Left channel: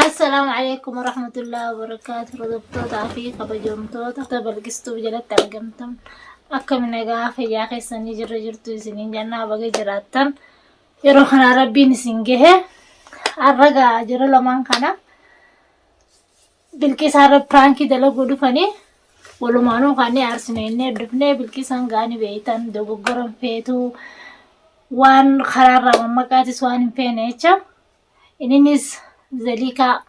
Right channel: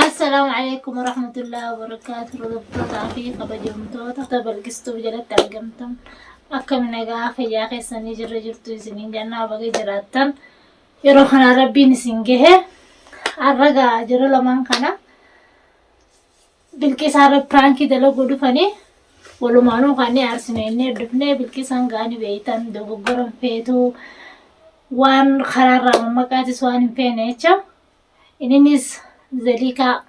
السلام عليكم ورحمة الله وبركاته. رضبطوتا في قبجمتوتا تبلغستو بجلت أرقمتم أكم نقا في ياخي سني جرجرتو سنين جانا بغي جراتن يروحنا ربي نسنجه الرقا جرو لمان كان بالكيس عرب برانكي دلقو دفني ولو مانو خاني أرسنيني دفني بالكيس هنغاني بيتان دو بقرم فيتو وان خرارا ممكاتي سوان فينيچا إنينيس Zalika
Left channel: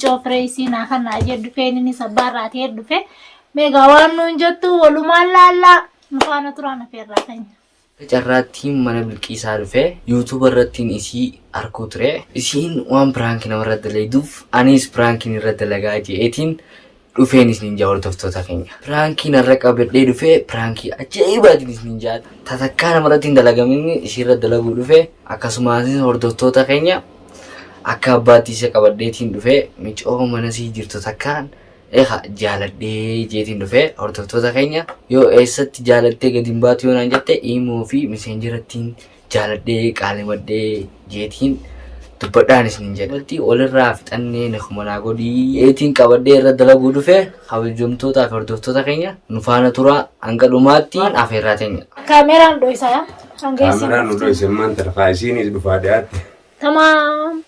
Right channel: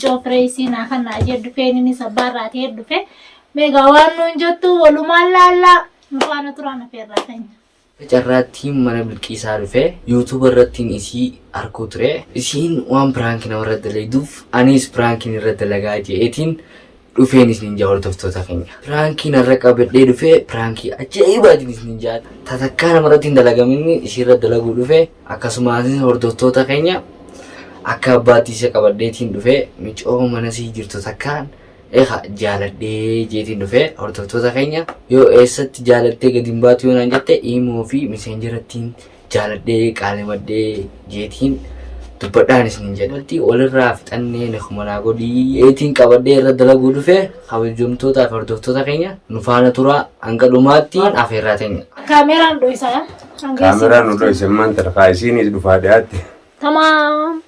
Joffrey nakan aja dufe ni sabarat ya dufe megawan nunjatu walumalala mufana turana ferratan Jarratiin mana bilqiisaa dhufe YouTube irrattiin isii arkuu ture isiin waan prank nama irra dalaguuf anis prank irra dalagaa jeetiin dhufeenis ninja hordoftoota keenya prank irra qabadhee dhufe prank ajaa'ibaatiin ninja tatakkaa namarratti dalagamin isii irra dalaguu dhufe akkasumas hordoftoota keenya akka abbaatiisa qabadheetiin dhufe micoo mana sii jirtu takkaan jaaladhee jeetiin dhufe hordoftoota keenya yoo eessatti jaalattee gadi hin baatu yoo naan jette imoo fi messengerattiin jaaladhee qaalimadhee jeetiin dubbadhaanis nin jedhe walti walirraa fixannee nakumanaa godhii eetiin qabadhee irra dalaguu dhufe kabajamtoota fi hordoftoota keenya nu faana turaa hanga dhumaattiin afeerraa teenya. Kaameraan dho'isaa kaameraan nu dho'ise maanta rafaa isiinis dhufaa dhiyaatte. Tamaam.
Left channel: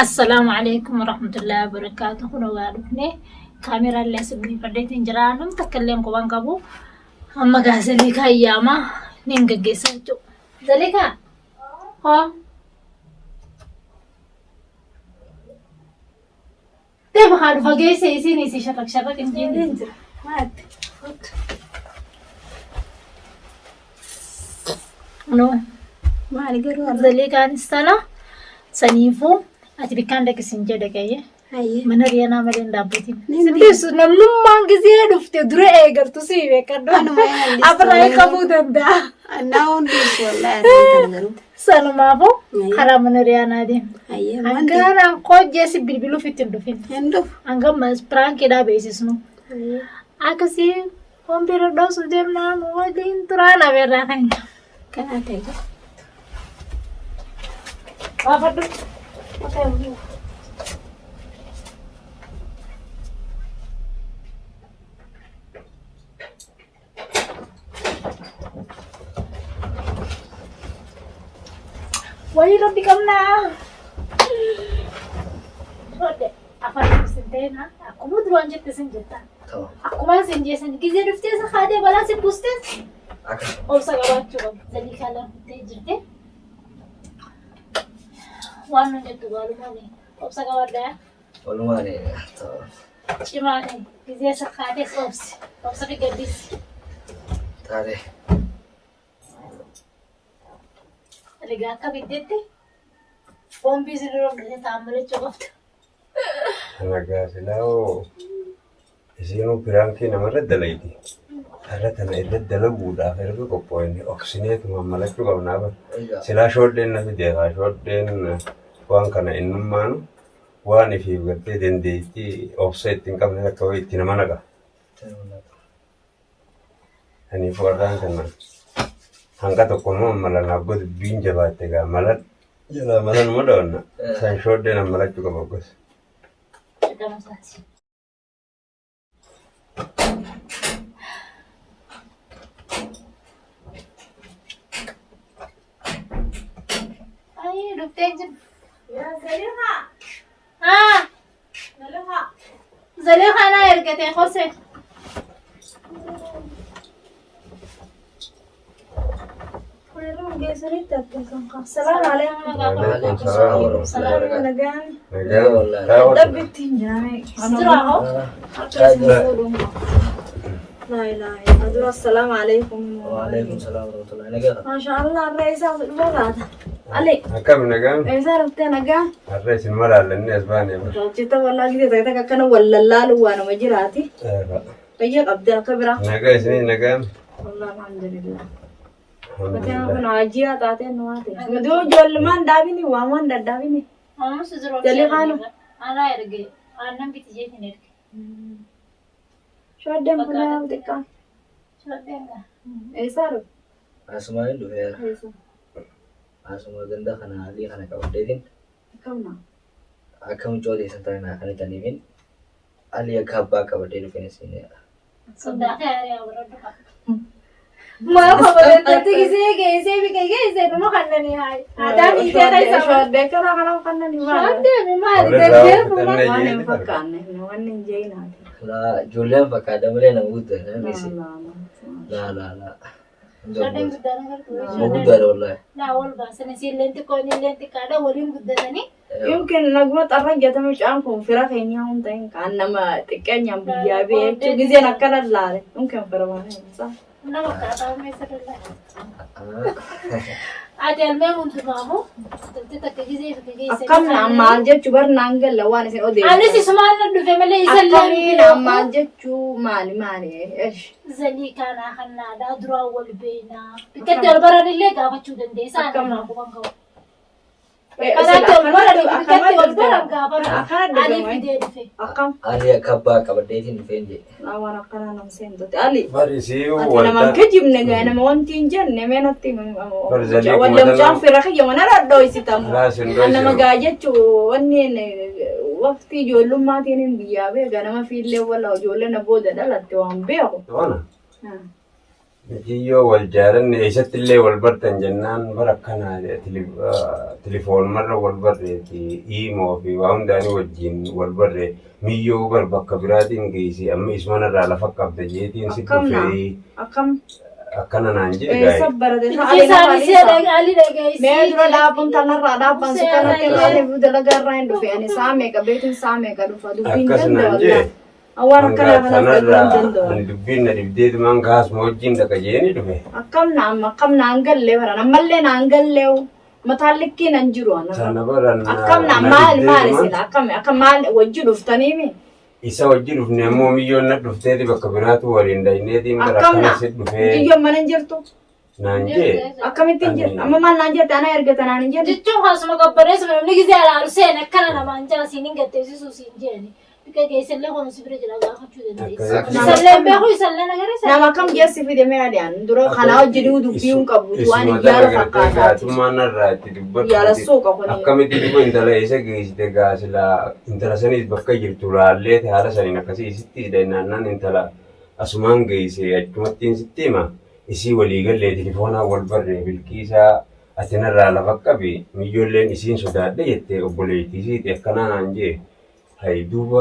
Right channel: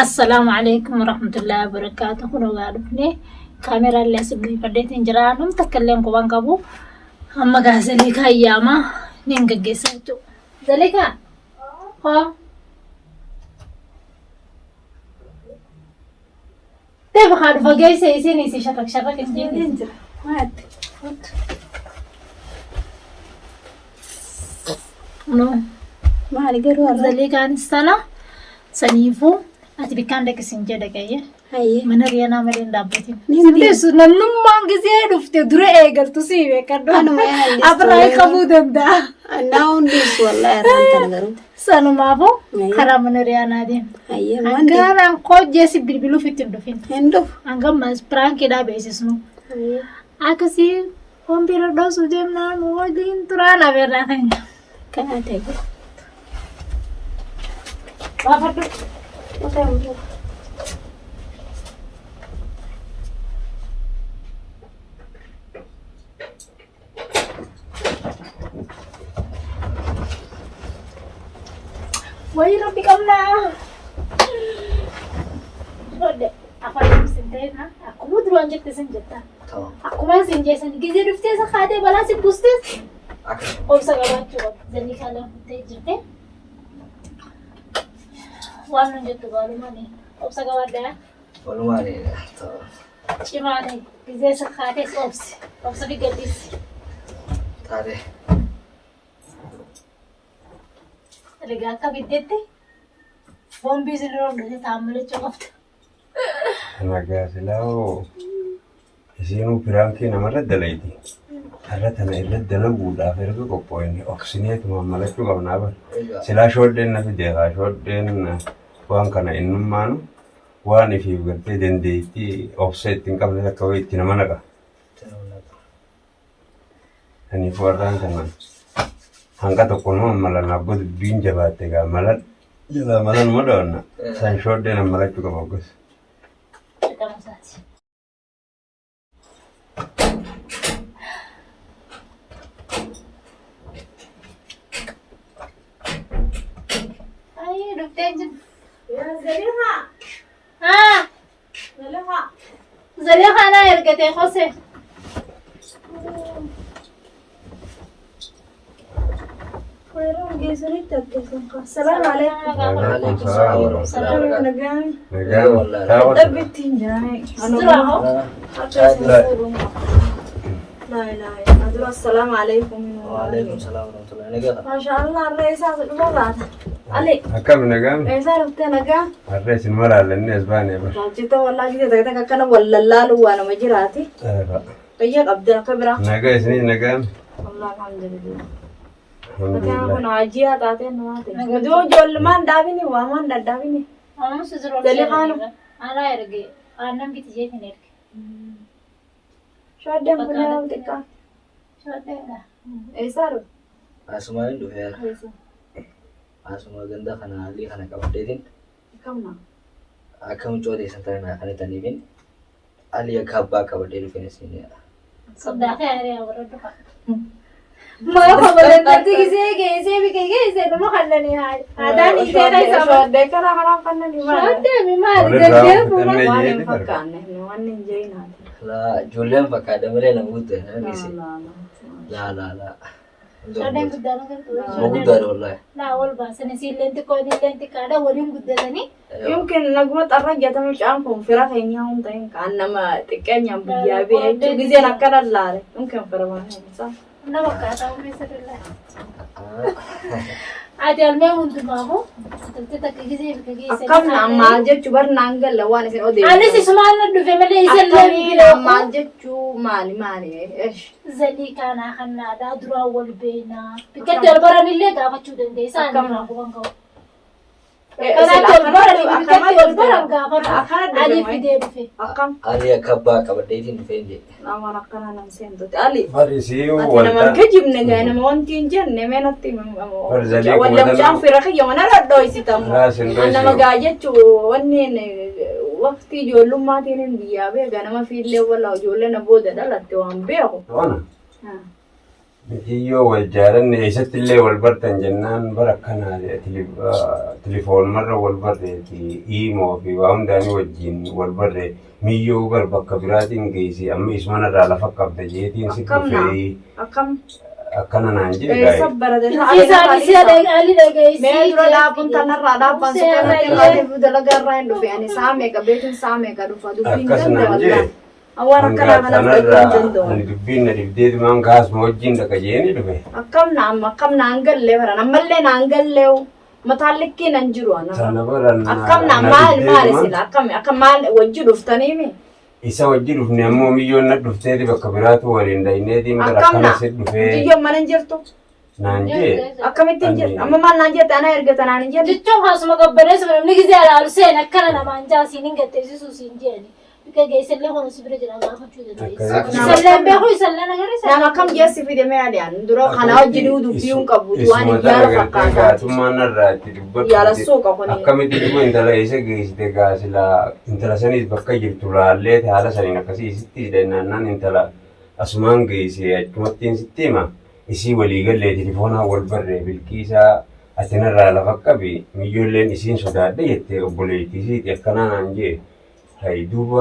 السلام عليكم ورحمة الله وبركاته. هنا وقعدني كاميرا اللي أسبوعي فديت إنجرانهم تكلم كوان كابو أما كاسلي كاياما نينجا جسمتو ذلك ها تبغى عارفة جاي سيسيني سي شرك إنجيل إنزل هات نو ما عليك روح ذلك عن السنة سنيفو ati bikaan deekisin jedha kayya mana riyanaa malee dhaabbatiin sideessu namnummaan gisee dhufte dura eegaltu si beekadhu abraa qabuu danda'a naawun deessu wallahi arranta nagaru sanumaafuu karaa mana riyanaa deema hangaanaan qojjeesi bilbiluuf ittiin dhufin hangammas piraankiidhaa beeksisnu akkasii wanbira dhoosu deemnaan waliin turaan abeerraa keenya kanaa ta'e waafadhu Wali roti kamna. Shode, apa yang sentai na? Aku mau duluan jatuh senjata. Aku mau senjata ni. Kita dufte sekhade balas puste. Om sagawan coba. Jadi kalau kita jete. Warna jatuh baru mana? Om sagawan dah. Baru mana? Cuma ni. Kita sekhade ops. Om sabi gadis. Tade. Lega kabidete bombi zero de tamale chokafta nagaa silao isiinu piraanki namarra dalayti ala tana irra dalaguudhaaf erga qophoonni oksineetuma malachuu qabnaa bar silaa shoodheen nafi deeqaa shoodheen waan kana innummaanu waan ifiif gartee dandeettii obsa ittiin qabne akka wayii itti nama naqa aniif warraan kana hanga tokkonuma malanaaf godhu dubbiin jabaatte gaa malan jalaa malanuma dhawanna san shoodheen ammalachuu qaba gos. Ayo dufteejin. Zaliha. Ah. Zaliha. Zaliha na ergate khose. السلام عليكم. وعليكم السلام ورحمة الله نجان. نجان والله. دبتين جاي. استراحة. لا لا يا السلام عليكم. وعليكم السلام ورحمة الله. نجان. ما شاء الله الرئيس هذا المرة علي. هكذا نجان. إيش عرفت نجان؟ الرئيس المرة للناس باني بس. جيت والله كده كده كنا ولا لا لو أنا مجراتي. Kayyak abdaa kabira. Nagaa isinii nagaan. Allah alhamdulillah. Bakka kun ajiya taatee nuwaate. Maduu ijoollumaan dhaabini waamaan dadhaabini. Amma suzuru Jalli kaanu. ala erge aannan biti jeetin erge. Shooddeen kun yoo xiqqaa. Shootenga. Eessaa dhufu? Asumaan dhufeera. Eessa? Asuma ganda kana haalli kana qabadheetiin Kamna? akka mucoo teessan taanaa kan itaniifin haalli akka abbaa qabadhee dhufeen isinidha. Sodaa kayaree awwaroota qaba. Maa kabalatatti gisee geessee bika geessee dhuma kannanii haali. Adaan hiitee keessaa. Shooddee kana kanaaf kannanii maali? Shooddee mi maali? Walirraa Deddee fudhannee fuula. Waan jeeti hin bara. fakkaanne waan hin jeeyinaati. Laa ijoolleen fakkaata malee nama guddaa namni laa. Shooddeen guddaan jirtu. Nama guddaadha wallaahi. Naa wal baasan isiilleen xiqqoo illeen xiqqaadha waliin guddatanii. Yookiin naguma xarra jedhamu caan kun fira keenya hin ta'in kan nama xiqqeenyaan biyyaa bee jechuun giseen akka lallaale yookiin fira waan hin Nama akkaataa uumessa dallaa. Ati almee hundumaafu toltee takka gisee fi geessee. akkam maal jechuu barnaan galla waan isin odeessu. Anis isumaan na dhufe malee isa akkamiin illee maal jechuu maali zalii kaanaa kan naadaa duraan wal beenaa. Biqiltuu darbaran illee gaafachuu dandeessaa. Akkam. Quban qabu. Kanaatti wal baran biqiltuu wal baran gaafatu. akkana Ani fidee dhufe. akkam Haalli akka abbaa qabadheetiin dhufeen jedhe. waan akkana nam seentote ali Farisii ati nama waldaa. gajibne jaa nama wanti hin jenne meenatti Barzalii wallamcaan fira kiyya mana dhadhooysitamu Laasin dhoysi. nama gaa jechuu wanni waqtii ijoollummaatiin hin biyyaa beeka nama fiillee walla ijoollee na booda dhalatte waan beeku. Toona. Mitiyyoo wal jaalanne eessatti illee wal bartan jennaan bara akkanaa tilifoonumarra wal barreeti iimoo fi waa hundaanii wajjin wal barree miyyoo bar bakka biraatiin geessi amma isumanarraa lafa qabda jeetiin si dhufee akkam akkana naan jedhe eessa gaa'e. barate Isaan isee ali dhageessii. mee dura dhaabuun tanarraa dhaabban si kanatti baatee dalagaarraa hin dhufe ani saa meeqa beekin saa meeqa dhufa dubbiin Akkas naan danda'u jedhe. awwaan akkanaa kana fudhachuu hin danda'u. Ani dubbiin na dibdeetumaan kaasuma wajjin dhaqa jeeni dhufe. akkam naan gallee baran ammallee naan gallee mataan likkii nan jiru ana Sana baran akkam naan maali sila akkam maal wajji dhuftaniimi isa wajji dhufne ammoo miyyoon na dhufteeti bakka biraatu waliin dhayineetiin gara akkam akkana naa si dhufee biyyoon mana hin jirtu naan jee. akkamittiin jirtu amma maal naan jette ana erga tanaan hin jenne Jechuun haasuma qabbaneessu namni gisee alaalu seen akkana namaan jaasiin hin gatteessisuu siin jeeni. Bika geessallee kun si bira jira gaafachuu dandeessa. Isalleen beeku isalleen agarisa. nama akkam geessi fide mee adiyaan dura kanaa hojii dubbii hin qabu waan ijjaala fakkaataati Gaatummaan irraa itti dubbatu. yaala suuqa kuni Akkamitti duba intala isa geessite gaasila intala saniis bakka jirtu laallee haala saniin akkasii isitti hidhannaan intala asumaan geesse achumattiin sitti hima isii waliigallee tilifoonaa wal barree bilkiisaa atinarraa lafa qabi miyyoolleen isiin sodaadhe jettee obboleettiisiiti akkanaa naan jee. Hai duuba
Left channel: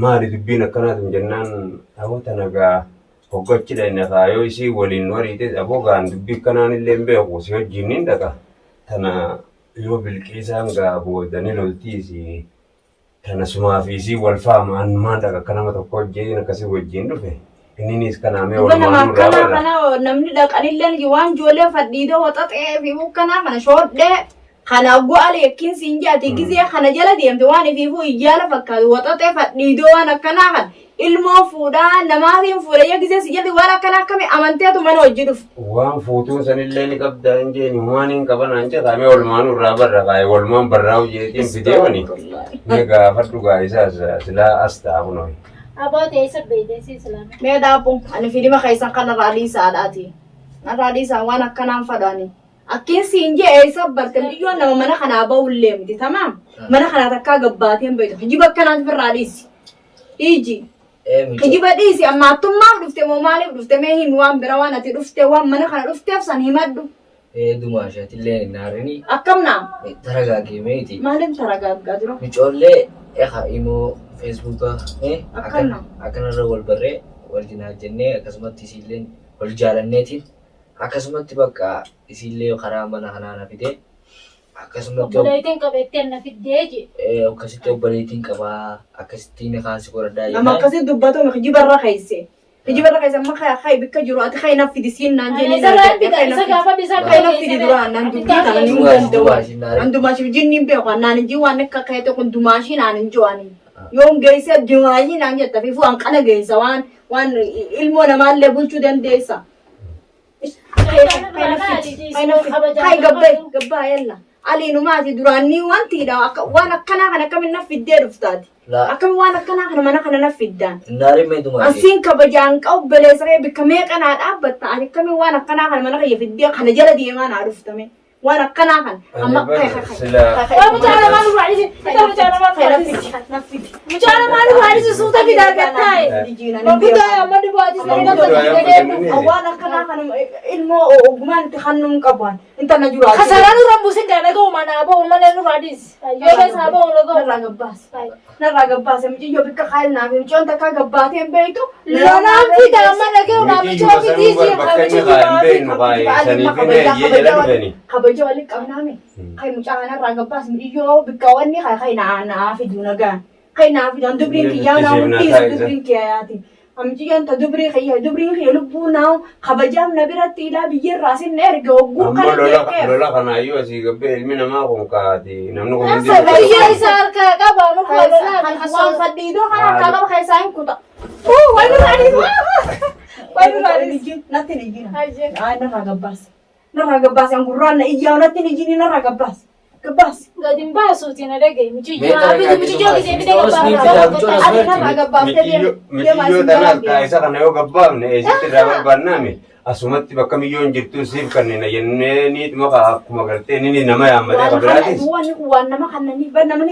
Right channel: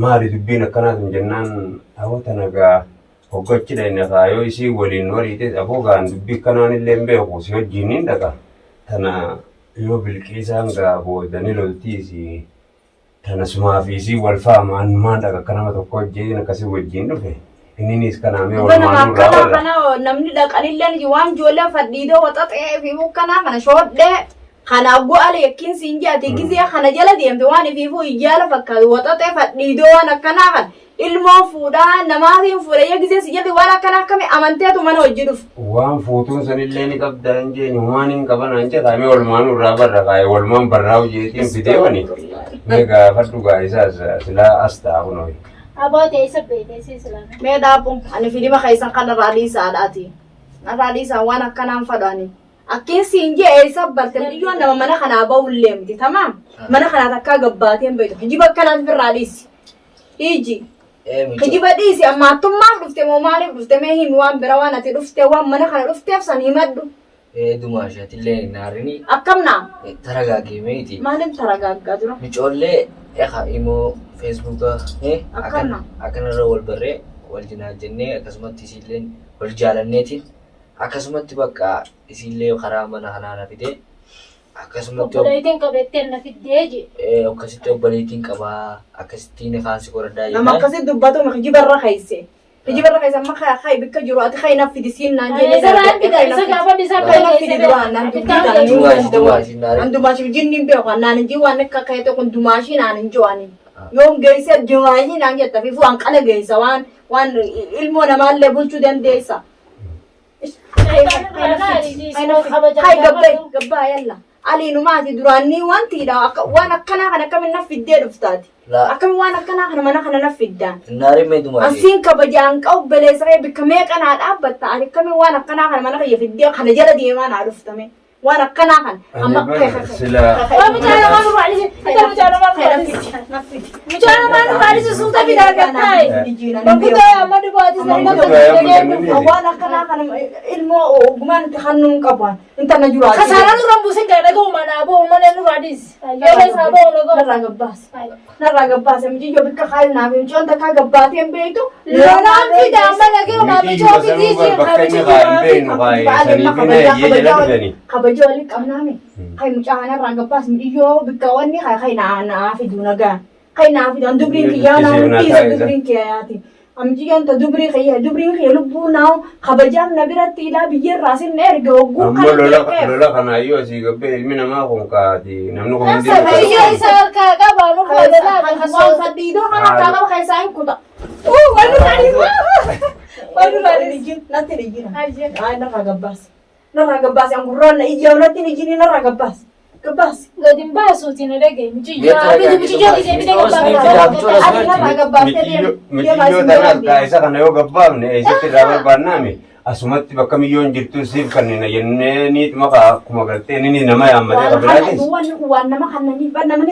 maali dubbiin akkanaatu jennaan hawwata nagaa hoggaachidha inni kaayoo isii waliin wariite aboogaan dubbii akkanaan illee hin beeku si wajjin hin dhaqa. Tana yoo bilqiisaan gaa boodanii loltiisi tana sumaa fi isii wal faamaan maan dhaqa akka nama tokko hojjetin akkasii wajjin dhufe. Inninis kanaamee Duba nama walumaan nurraa akkana barra. kana namni dhaqanillee waan ijoollee fadhiidoo waxaxee fi kana kana shoodhee kana bu'aale yakkiin siin jaati gisee kana jala deemte waan ifiifuu ijjaala fakkaatu waxaxee fadhiidoo waan akkanaa kan ilmoo fuudhaa namaatiin fuudhee gisee si jalti waan akkana akkami amanteetu mana hojii dhufu. Waan fuutuun sanillee ni qabdaa hin jeenyu waan hin qaban an jedhamee walumaan nurraa barra kaayee walumaan barraa hojeetiin fideewani. Mee gaafadhu gaa isaas silaa as taa'u noyi. Aboota isa beeksisa islaamii. Mee daabbuun ani filima keessan kan narraa dhiisaadhaati. Narraa dhiisaa waan akkanaan fadhaani. Akkiin siin jee eessa barte biyyoon nama mana kanaa ba'ullee miti tamaam. Mana kanaa takkaa gabbaateen bayitu. Hijiba akkanaatiif irraa dhiisi. Hiji. Hijiba dhiisi amma attummaaf dhufte moo maaliif dhufte mee himi waan bira waan ati dhufte waan mana kana dhufteef san himadhu. Dumaa isheetillee naarini Akkam naa? taragaagemeeti. Maaliif taragaaggaa jiru? Micoollee imoo feesbuuka Akkana. akkanarra wal barree wal jinaa jennee akkasumatti isiilleen wal jaalanneetiin akkasumatti bakka isiillee karaa mana kanaana fidee akkasumatti Obboleettiin qabeetteen na fiddee je. akkasitti obboleettiin qabaa akkasittiin kaansi qoraddaa Nama akkasii dubbatu hijiba irra keesse. Hijiba irra keessa amma kaya bikka jiru ati kaya naffi disiin naan jennee. Saraan bida isa gaafa bisa Kaya naffi di duraan naan dubbii kana nuun danda'u. An dumaashii jinniin beeku naan hin jiru waan akka kayate kun dumaashii naan hin jiru ani. Yoom geessee dimaayii naan jetta fi waan kana geessa waan ilmoo namaallee bulchuu dandeessa. Hai gabbaa yalla. Aliinumaati duraanii wantiidha waan akkanaa kan akkamiin na fiddee dhuftaati. Akkamiin waan akkanaa kana mana kana na fiddaan. Ansiin kabajaan qabu beleessaree bikka meeqa naa dhaabbatta ani akkamiin waan akkanaa kana mana kiyya fiddee kana jala deemaa naa dhuftame. Waan akkanaa kana amma mucaana maal waalisu suuta fidaa gattaay. Waan akkanaa kana ilmoo ogumaan itti hannuun qaban intana jura. Kasaraan irraan buusin gaadhaga'u manaa ba'u mana nu raadis. Yoo isaa ba'u laga'u. Narraa gabbaase mucayyoo bikka qaali naaf mucaan takka gabbaateen beektu. Loonaan fidaa mana ga'u maamichoo fidii jee kabajoo waliin qabnaame kai mucaan irraa gabbaas mucayyoo bikka wanni kai naa fiduu nagaan kai naa fidaan dubriin kiyyaa naa hundiisa dubriin kiyyaati. Amjiyaan ta dubrii kiyya lubbuu naa kabajaaf na biratti ilaa biyyarraa sinna erga hogguu kana jeeqeef. Lola kanaayyoo asii gabbee ilmi namaa kun kaati namni kun hundi. Biyya isa harkaa qaba nu fayyadalaan. Waan fadhiidoo kan harkaa qaba keessaa hin kuta. Waan nurraa natti ni jina. Narraa gabbaase angurraan na iyyaa'u natti ni jini narraa gabbaase. Gabbaase. Gadin baasuutiin adagay muciyyoo gisee bidee Michiyyoo tanaan taa'isa kana yoo gabbaafne eessatti irraa barbaannaame asumatti bakka miyyoon jirtu siif kanneen jennee niituma akkuma galtee inni nama yaammatee qabiraatis. Waan nama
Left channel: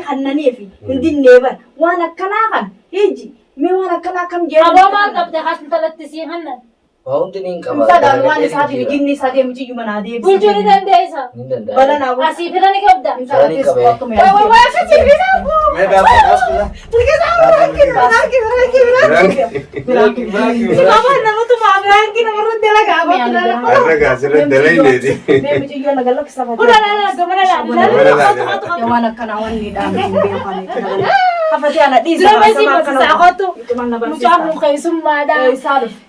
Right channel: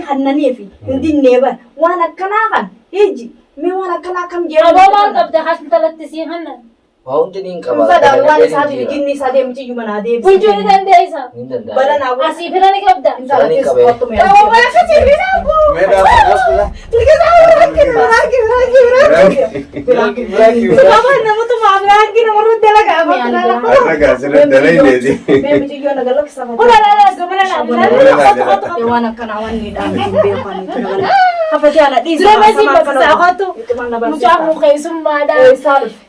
kannaniif hundinee bara waan akkanaa kan hiji mee waan akkanaa kam jedhamu. Abaamaan qabda haati talattisii hannan. Waa'uun qaba. Waan isaati jinni isaa deemu ciyyuu manaa deemu. Bulchuu ni dandeessa. Balanaa asii fira ni qabda.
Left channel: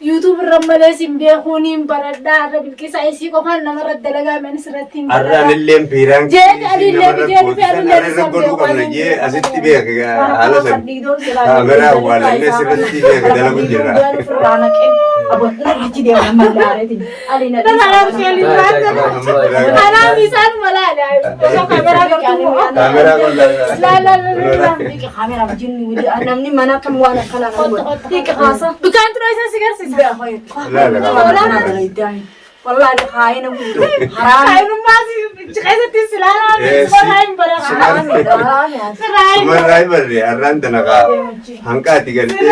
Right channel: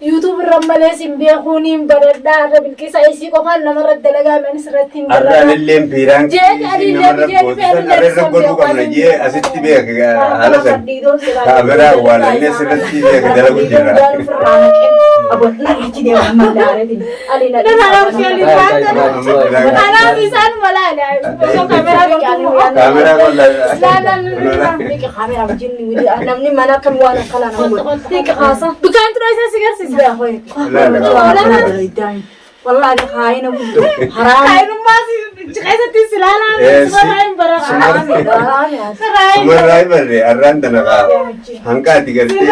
YouTube rammalee simbeekuuniin baradhaa irra bilqisa isii qofaan namarra dalagaa menis irratti hin baradhaa. Arraan illeen piiraan namarra boosisan arra godhuu qabna jee asitti beeka haala san kaameraa awwaalannee sirriitti beeka dalagu jira. Kanaaf isaan malaala. Kaameraa namni mana kan waan akkanaa dukaan tura isa si garsiisa. والله هذا خاينة حرام خاينة ما في جهازة السلالة سمراي برا سمراي برا الرندنا قا هنكاتي قلتي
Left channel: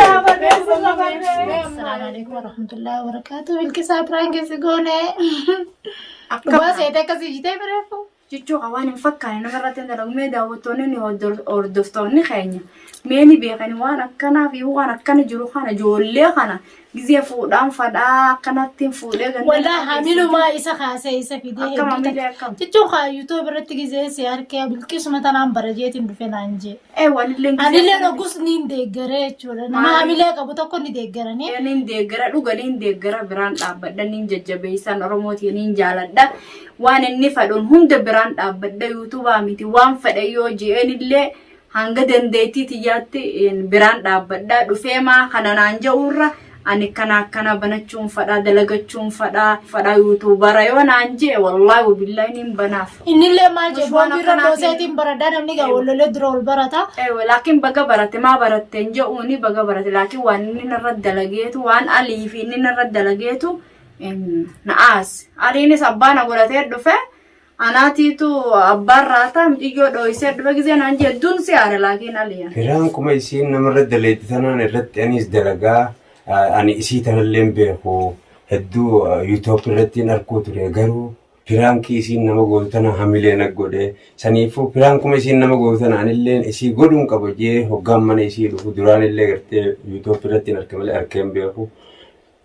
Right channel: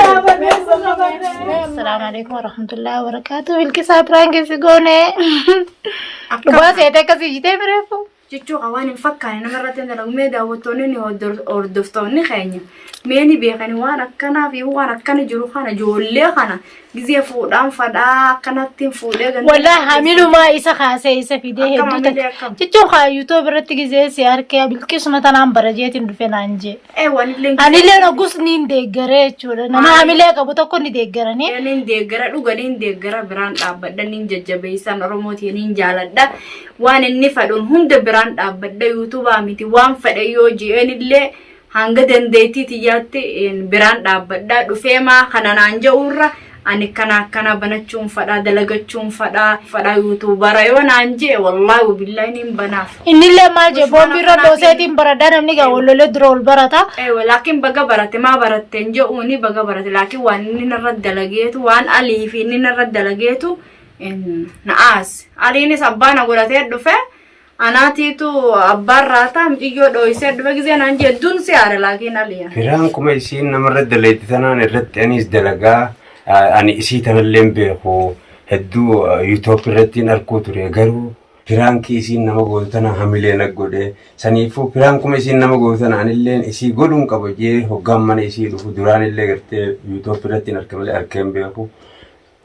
السلام عليكم ورحمة الله وبركاته بالكسات رانك سيقوني بس هذا كذي جدي بريفو جيتشو قوانين مفكر أنا مرة تندر ميدا وتوني أردفتوني خيني ماني بيخاني وانا كنا في وانا كنا جروخانا جولي خانا جزيه فودان فدا كنا تيم فودي والله حاملوا ما إسا خاسة إسا في ده جيتشو خا يوتيوب رت جزيه سيار كيا بالكيس مثلا برجيت ندفن عنجي أنا اللي أنا قص نين دعرة شولا نما حامله كابوتو كوني دعرة ني نين دعرة لو غنين دعرة بران أبدا نين ججبيسان رموتي نين جالدا وانا نفدون هم دبران أبدا يوتيوب أمتي وان فدا يوجي أنا اللي hanga dandeetii tiyyaatti biraan dhaabbadhaa dhufeemaa kana naan ja'urra ani kana banachuun fadhaa dalagachuun fadhaa yuutuubara yoo naan jee wallaahi wabillahi nin banaaf. Innillee maal jee boombiirra dooseetiin baradhaa namni gaa wallolee dura ol barata. Laakiin baga barate maa baratteen je'uuni baga barate laakiin waan inni narra dalageetu waan alii fi inni narra dalageetu na'aas aliinis abbaana godhatee dhufe. Anaatiitu abbaan raataa miyyoo dho'isee dhufe gisee naan jedhuun siyaara laakiin aliyaa. Firaan kuma isiin namarra daleetti tanaan irratti anis dalagaa ani isii tanallee beeku hedduu yuutuub irratti arkuu ture garuu firaankii isiin nama gootu tana hamilee na godhe saniifuu firaan kuma isiin nama gootu tana anilleen isii godhuun qaba jee hoggaan mana isii dhufu duraan illee gartee yuutuub irratti arkamalee arkeen beeku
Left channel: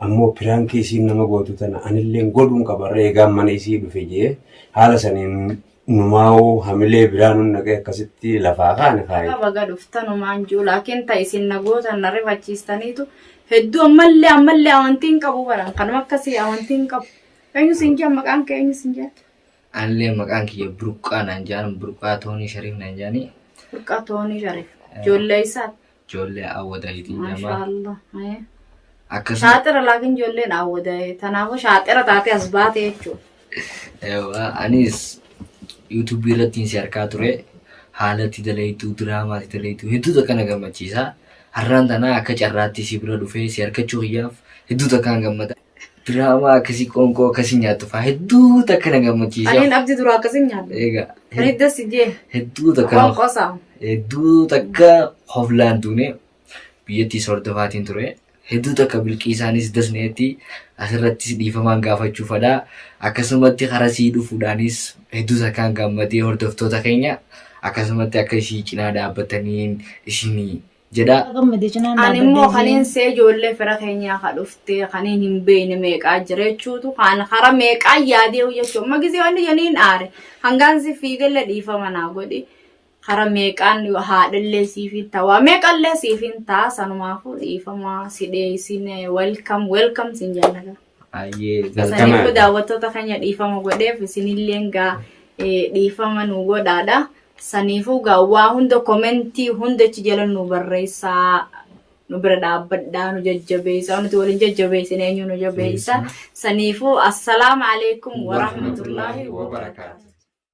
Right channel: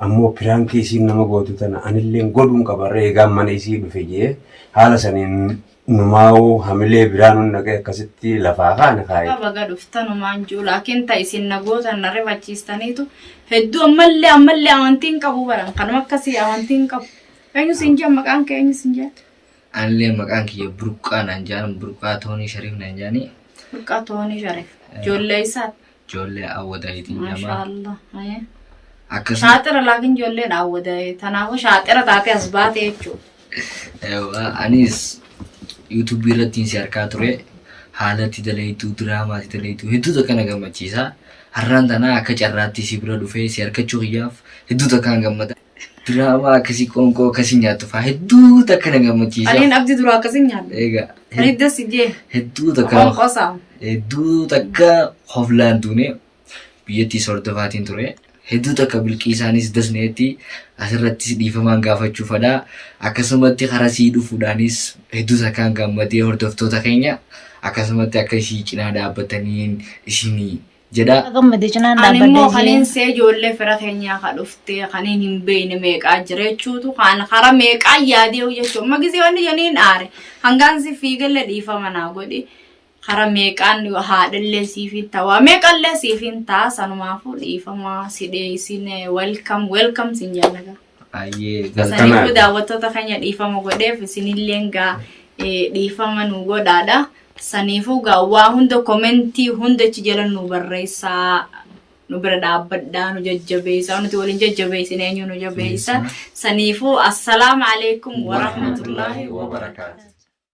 ammoo firaankii isiin nama gootu tana anilleen godhuun qaba reegaan mana isii dhufe jee. Haala saniin numaa'uu hamilee biraanuun naqee akkasitti lafaa kaane kaa'e. Baga dhuftanumaan jiru laakiin ta'isin nagootan na rifachiistaniitu hedduu ammallee amantiin qabu baran kanuma akkasii amantiin qabu. Eenyu siin jaa maqaan kee eenyu siin jaa? Anillee maqaan kiyya Burqaa naan jaan Burqaa Toonii Shariif naan jaanii. Burqaa Toonii Shariif. Ijoollee isaati. ijoollee awwadaayiti ما nama شاء الله إيه. akkasuma شاطرة لكن جولين عودة تنافو شاطرة تاتي أسبات يجو anis yuutuubii irratti si argaa ture haala itti dalaytu diraamaa itti dalaytu hedduutu akka na gammachiisa har'aan tana akka carraatti si bira dhufee si argachuu kiyyaaf hedduutu akka na gammada diraamaa akkasii qoonqoo akkasii nyaattu fa'aa hedduutu akka na gammachiisa أنا أبدي دروك أسنجال egaa فريدة سجى hedduutu قوم akka قصام hedduutu akka hoflaan duune biyyattii sordofaatiin ture hedduutu akka bilqiisaanis dasneetti asirrattis dhiifamaan gaafachuufadha akkasumatti karaa sii dhufuudhaanis hedduutu akka gammadee hordoftoota keenya akkasumatti akka ishii cinaa dhaabbataniin isinii jedha. Gammadee cinaan أنا مو dhaabbadhee خلين سجول لي فرق هنيا خلفتي خلين هم بين ميك أجريتشو تو خان خرا ميك أيادي ويشو ما جزي وندي جنين آره هنگانسي فيقل لديفا مناقودي خرا ميك أن هاد اللي سيفين توا ميك اللي سيفين تا سانو مافو ديفا ما سيدي سيني ويلكم سنجالك Ayyee sanifu daawwattoota keenya dhiifama godheef isinilleen gaa dhiifama nu godhaadha. Saniifuu gaa waa hunda komentii hundachi jala nu barreessaa nu bira dhaabbadhaa nu jajjabeessaa nuti waliin jajjabeessin eenyu nu jabeessa. Saniifuu assalaamu alaikum wa rahmatullahi wa barakaatuh.